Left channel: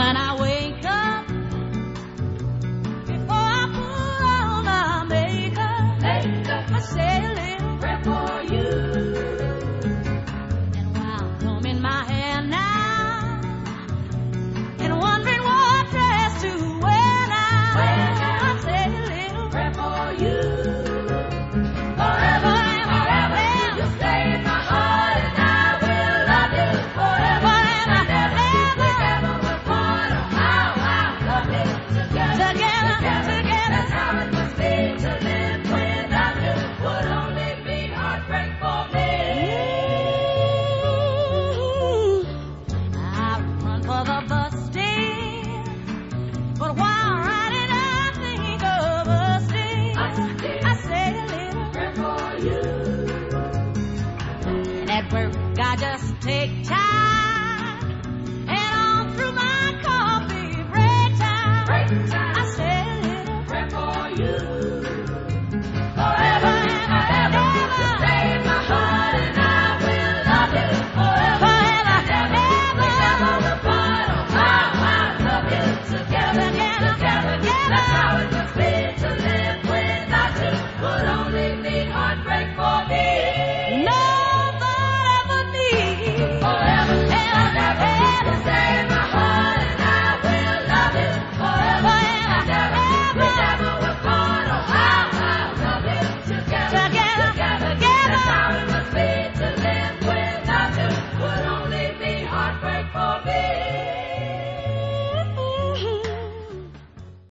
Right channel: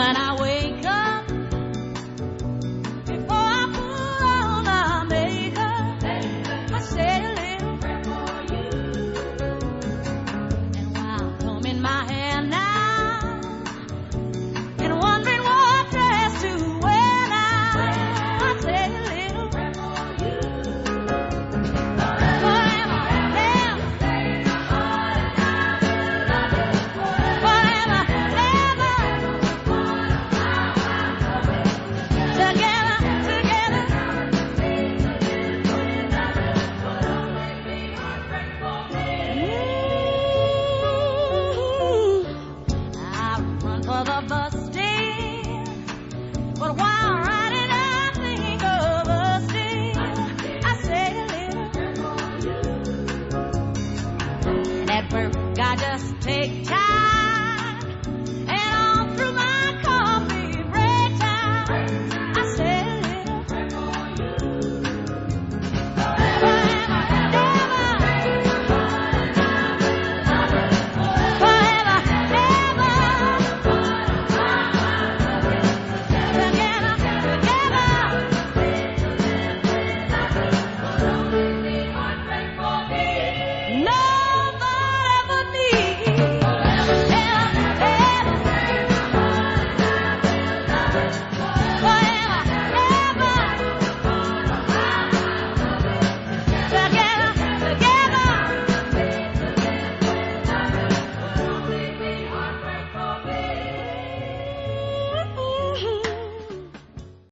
when I wake up, before I put on my makeup, I say a little prayer for you. And while combing my hair now and wondering what dress to wear now, I say a little prayer for you. Forever, forever, you stay in my heart, and I will love you forever, forever, ever. We're part of how we together, together. That's how it must be to live without you. Would only be heartbreak for me. I run for the bus stand, but while riding I think of us dear. I say a little prayer for you. And at work I just take time